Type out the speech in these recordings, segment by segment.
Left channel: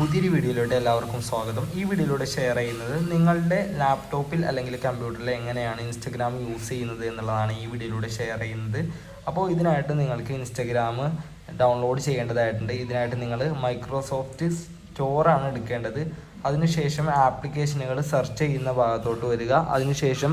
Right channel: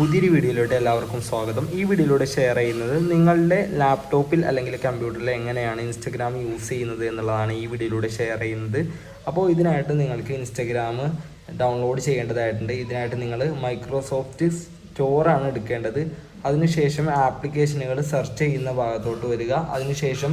പുതിയൊരു വീഡിയോയിലൂടെ എല്ലാവർക്കും സ്വാഗതം. ഈ വീഡിയോയിലൂടെ ഷെയർ ചെയ്യുന്നത് നിങ്ങളുടെ ലാപ്ടോപ്പിൽ അല്ലെങ്കിൽ കമ്പ്യൂട്ടറിൽ എങ്ങനെയാണ് ഇൻസ്റ്റഗ്രാം യൂസ് ചെയ്യുന്നത് എന്നുള്ളതാണ് ഈ വീഡിയോയിലൂടെ ഷെയർ ചെയ്യുന്നത്. അപ്പോൾ ഇതിനായിട്ട് നിങ്ങൾക്ക് ഇൻസ്റ്റഗ്രാം ഡൗൺലോഡ് ചെയ്യേണ്ടതായിട്ടുണ്ട്. ഇതിനായിട്ട് നിങ്ങൾ മൈക്രോസോഫ്റ്റ് സ്റ്റോറാണ് എടുക്കേണ്ടത്. അതിനുശേഷം ആപ്ലിക്കേഷനുകൾ സെർച്ച് ചെയ്യുന്ന ഭാഗത്തോട്ട് വരിക. അതിനുശേഷം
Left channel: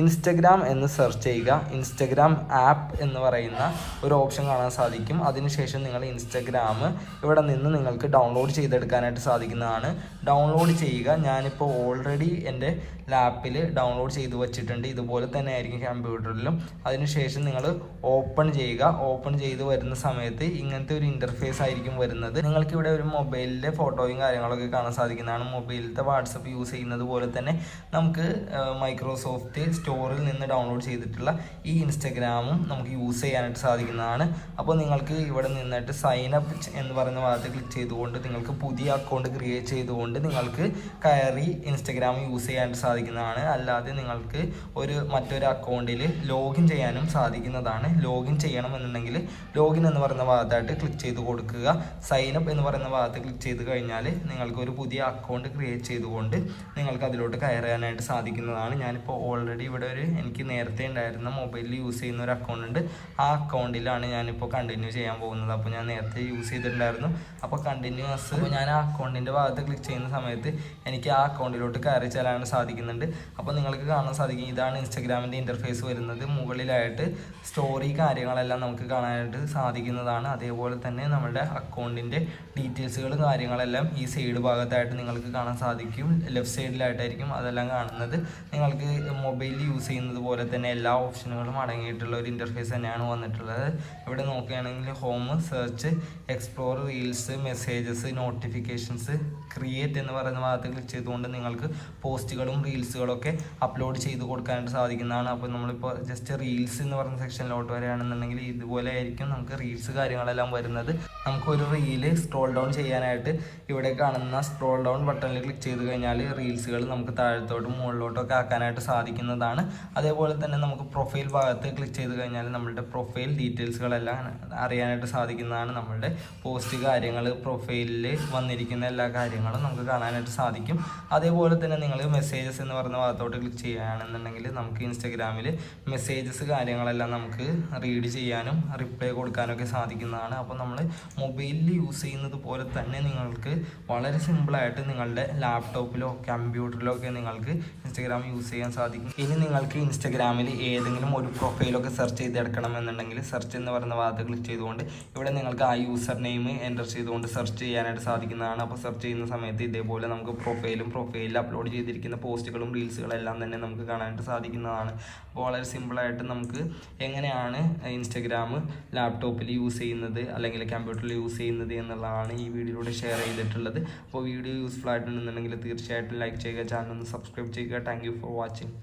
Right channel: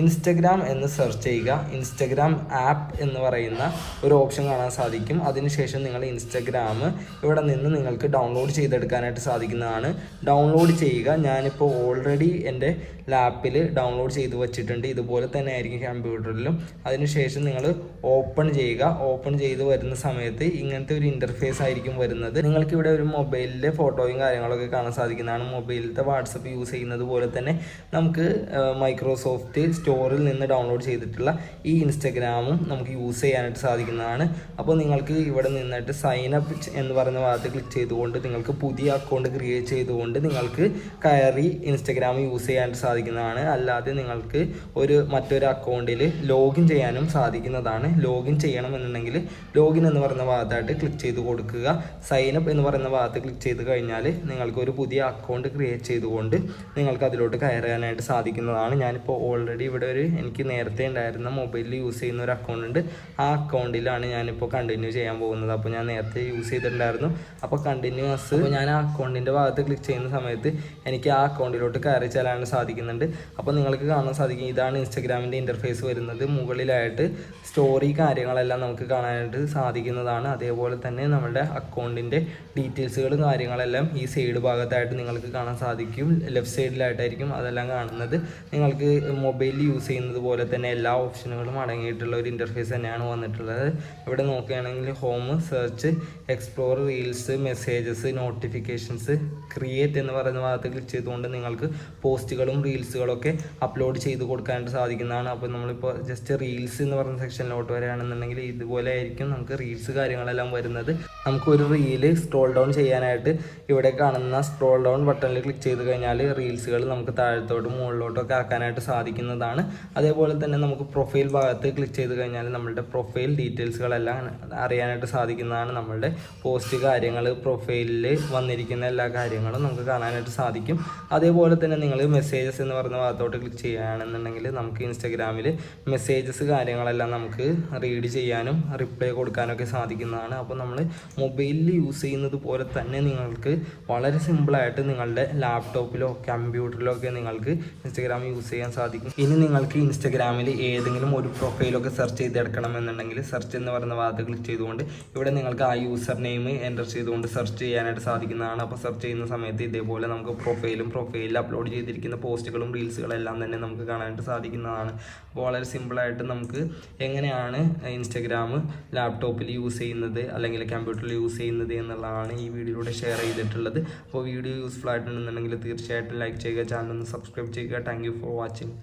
ഇൻസ്റ്റഗ്രാം എന്ന് സെർച്ച് ചെയ്യുക. ഇൻസ്റ്റഗ്രാം ആപ്പ് എന്ന് പറയുന്ന ഒരു ഓപ്ഷൻ കാണാൻ സാധിക്കും. അതിനുശേഷം നിങ്ങൾ ഇൻസ്റ്റഗ്രാം ഇവിടെ നിന്ന് നിങ്ങൾക്ക് ഡൗൺലോഡ് ചെയ്തെടുക്കാനായിട്ട് സാധിക്കുന്നതാണ്. ഡൗൺലോഡ് ചെയ്യുക. ഞാനിപ്പോൾ ഓൾറെഡി എൻ്റെ ലാപ്പിൽ ഡൗൺലോഡ് ചെയ്ത് വെച്ചിട്ടുണ്ട്. ഇതുപോലെ തന്നെ ആയിരിക്കും കമ്പ്യൂട്ടറിലും. അതിനുശേഷം നിങ്ങൾ ഓപ്പൺ ചെയ്യുക. ഓപ്പൺ ചെയ്ത് വരുന്ന സമയത്ത് ഇങ്ങനത്തെ ഒരു ഇൻ്റർഫേസ് ആയിരിക്കും വരുന്നത്. നിങ്ങൾക്ക് ഇവിടെ ഒരു മൊബൈലിലെ ഫോട്ടോയും കാര്യങ്ങളൊക്കെ കാണാൻ സാധിക്കുന്നതാണ്. മൊബൈലിലത്തെ വാട്സപ്പ് യൂസ് ചെയ്യുന്നത് പോലെ തന്നെ നമുക്ക് മൈക്രോസോഫ്റ്റ് സ്റ്റോറിൽ നിന്ന് ഡൗൺലോഡ് ചെയ്തിട്ടുള്ള ഈ ഇൻസ്റ്റഗ്രാമും നമുക്ക് യൂസ് ചെയ്യാനായിട്ട് സാധിക്കുന്നതാണ്. അപ്പോൾ നിങ്ങൾക്ക് ഇവിടെ നിന്നിട്ട് സൈൻ അപ്പ് എന്ന് പറയുന്ന ഭാഗത്ത് ക്ലിക്ക് ചെയ്തുകൊണ്ട് നിങ്ങൾക്ക് പുതിയ അക്കൗണ്ട് ക്രിയേറ്റ് ചെയ്തുകൊണ്ട് നിങ്ങൾക്ക് കയറി ഇൻസ്റ്റഗ്രാം യൂസ് ചെയ്യാനായിട്ട് സാധിക്കുന്നതാണ്. അല്ലാതെ നിങ്ങൾക്ക് മറ്റൊരു അക്കൗണ്ടിൽ ലോഗിൻ ചെയ്യാനും സാധിക്കുന്നതാണ്. ലോഗിൻ ചെയ്യണമെന്നുണ്ടെങ്കിൽ ലോഗിൻ എന്ന് പറയുന്ന ഭാഗത്തായിട്ട് ക്ലിക്ക് ചെയ്ത് കൊടുക്കുക. സൈൻ അപ്പ് എന്ന് പറയുന്ന ഭാഗത്ത് ക്ലിക്ക് ചെയ്ത് കഴിഞ്ഞാൽ നിങ്ങൾക്ക് ഒരു പുതിയ അക്കൗണ്ട് ക്രിയേറ്റ് ചെയ്തുകൊണ്ട് നിങ്ങൾക്ക് അതിലോട്ട് കയറാനായിട്ട് സാധിക്കുന്നതാണ്. ഞാനിപ്പോൾ ഓൾറെഡി ഇവിടെ എനിക്ക് നേരത്തെ ഉണ്ടായിരുന്ന മൊബൈലിൽ യൂസ് ചെയ്യുന്ന ഒരു അക്കൗണ്ട് ഉണ്ട്. ആ അക്കൗണ്ടിലാണ് ഞാനിപ്പോൾ കണ്ടിന്യൂ ചെയ്യാൻ പോകുന്നത്. അപ്പോൾ ഞാൻ നേരത്തെ യൂസ് ചെയ്തിട്ടുണ്ടായിരുന്നു. അപ്പോൾ കണ്ടിന്യൂസ് അപ്പോൾ ഞാൻ ആ അക്കൗണ്ടിൻ്റെ ഭാഗത്ത് ക്ലിക്ക് ചെയ്യുന്ന സമയത്ത് എനിക്ക് ആ അക്കൗണ്ടിലോട്ട് കയറി ചെല്ലാൻ സാധിക്കുന്നുണ്ട്. അപ്പോൾ നിങ്ങൾക്ക് കാണാൻ സാധിക്കും, ഇതാണ് ഇൻസ്റ്റഗ്രാമിൻ്റെ ഇൻ്റർഫേസ് വരുന്നത്. മുകളിലായിട്ട് സ്റ്റോറി കാര്യങ്ങളെല്ലാം നമുക്ക് കാണാനായിട്ട് സാധിക്കുന്നതാണ്. അതേപോലെ തന്നെ നമ്മുടെ അക്കൗണ്ടിൻ്റെ ഡീറ്റെയിൽസുകൾ കാര്യങ്ങളെല്ലാം ഈ സൈഡ് ഭാഗത്തായിട്ട് നിങ്ങൾക്ക് കാണാൻ സാധിക്കും. ലെഫ്റ്റ് സൈഡിലായിട്ടായിരിക്കും അതെല്ലാം കാണുന്നത്. നിങ്ങൾക്ക് മൊബൈലിൽ യൂസ് ചെയ്യുന്നത് പോലെ തന്നെ എല്ലാ ഓപ്ഷനുകളും അടങ്ങിയിട്ടുള്ള ഒരു ഇൻ്റർഫേസ് തന്നെയാണ് വന്നിട്ടുള്ളത്. ഇവിടെ നോക്കുകയാണെങ്കിൽ home, search, explore, reels, messages, notifications, create എന്ന് പറയുന്ന ഭാഗത്ത് ക്ലിക്ക് ചെയ്തുകൊണ്ട് നിങ്ങൾക്ക് പോസ്റ്റുകളും റീൽസുകളൊക്കെ അപ്ലോഡ് ചെയ്ത് കൊടുക്കാനായിട്ട് സാധിക്കുന്നതാണ്. അപ്പോൾ നമ്മളിപ്പോൾ ജസ്റ്റ് റീൽസ് എന്ന് പറയുന്ന സെക്ഷനിലോട്ട് വരികയാണെന്നുണ്ടെങ്കിൽ ഇതുപോലെ ആയിരിക്കും നമുക്ക് റീൽസ് കാര്യങ്ങളെല്ലാം വരുന്നത്. നമുക്കൊരു റീല് സ്ക്രോൾ ഡൗൺ ചെയ്യാനായിട്ട് ഇവിടെ കാണുന്ന സ്ക്രോൾ ഡൗൺ ബട്ടണിൽ ക്ലിക്ക് ചെയ്ത് കഴിഞ്ഞാൽ റീൽസുകൾ നമുക്ക് താഴത്തോട്ടും മുകളിലോട്ടൊക്കെ ആക്കാനായിട്ട് സാധിക്കുന്നതാണ്. അതേപോലെ തന്നെ നമുക്ക് പ്രൊഫൈൽ ഭാഗത്ത് ക്ലിക്ക് ചെയ്ത് കഴിഞ്ഞാൽ നമ്മളുടെ പ്രൊഫൈൽ ഡീറ്റെയിൽസുകളെല്ലാം അറിയാനായിട്ട് സാധിക്കുന്നതാണ്. നമ്മളുടെ പോസ്റ്റ് കാര്യങ്ങൾ, പ്രൊഫൈലിൽ വന്നിരിക്കുന്ന എല്ലാ കാര്യങ്ങളും നമുക്ക് കാണാനായിട്ട് സാധിക്കും. അതേപോലെ തന്നെ നിങ്ങൾ മെസ്സേജസ് എന്ന് പറയുന്ന ഭാഗത്തോട്ട് ക്ലിക്ക് ചെയ്യുകയാണെന്നുണ്ടെങ്കിൽ നമുക്ക് ഇൻസ്റ്റഗ്രാമിൽ മെസ്സേജസ് കാര്യങ്ങളെല്ലാം നമുക്ക് റീഡ് ചെയ്യാനും റിപ്ലൈ കൊടുക്കാനൊക്കെ സാധിക്കുന്നതാണ്. അപ്പോൾ നമ്മൾ മൊബൈലിൽ യൂസ് ചെയ്യുന്നത് പോലെ തന്നെ നിങ്ങൾക്ക് വളരെ സിമ്പിളായിട്ട് നിങ്ങളുടെ ലാപ്ടോപ്പിലോ കമ്പ്യൂട്ടറിലോ ഒക്കെ നിങ്ങൾക്ക് ഇൻസ്റ്റഗ്രാം യൂസ് ചെയ്യാൻ സാധിക്കും. ഇനി നിങ്ങൾക്ക് ഇൻസ്റ്റഗ്രാമിൽ ഏതെങ്കിലും ഒരു പ്രൊഫൈലൊക്കെ സെർച്ച് ചെയ്തെടുക്കണമെന്നുണ്ടെങ്കിൽ സെർച്ച് എന്ന് പറയുന്ന ഭാഗത്ത് ക്ലിക്ക് ചെയ്തുകൊണ്ട് ഇവിടെ നിങ്ങൾക്ക് ആ യൂസർ നെയിം എൻ്റർ ചെയ്തുകൊണ്ട് സെർച്ച് ചെയ്യാനായിട്ട് സാധിക്കുന്നതാണ്. അപ്പോൾ സെർച്ച് ചെയ്യുന്ന സമയത്ത് ഇതേപോലെ നമുക്ക് പ്രൊഫൈലിൽ അപ്ലോഡ് ചെയ്തിരിക്കുന്ന പോസ്റ്റുകളും റീൽസുകളെല്ലാം തന്നെ നമുക്ക് കാണാനായിട്ട് സാധിക്കുന്നതാണ്. അപ്പോൾ വളരെ സിമ്പിളായിട്ട് നമുക്ക് എങ്ങനെയാണ് ഇൻസ്റ്റഗ്രാം ലാപ്ടോപ്പിൽ യൂസ് ചെയ്യുന്നത് അല്ലെങ്കിൽ കമ്പ്യൂട്ടറിൽ യൂസ് ചെയ്യുന്നത് എന്നുള്ളതാണ് ഈ വീഡിയോയിലൂടെ ഷെയർ ചെയ്തിട്ടുള്ളത്. അപ്പോൾ വീഡിയോ യൂസ്ഫുൾ ആയിട്ടുണ്ടെന്നുണ്ടെങ്കിൽ തീർച്ചയായിട്ടും ലൈക്ക് ചെയ്യുക, ചാനൽ ഒന്ന് സബ്സ്ക്രൈബ് ചെയ്യുക. Thank you for watching.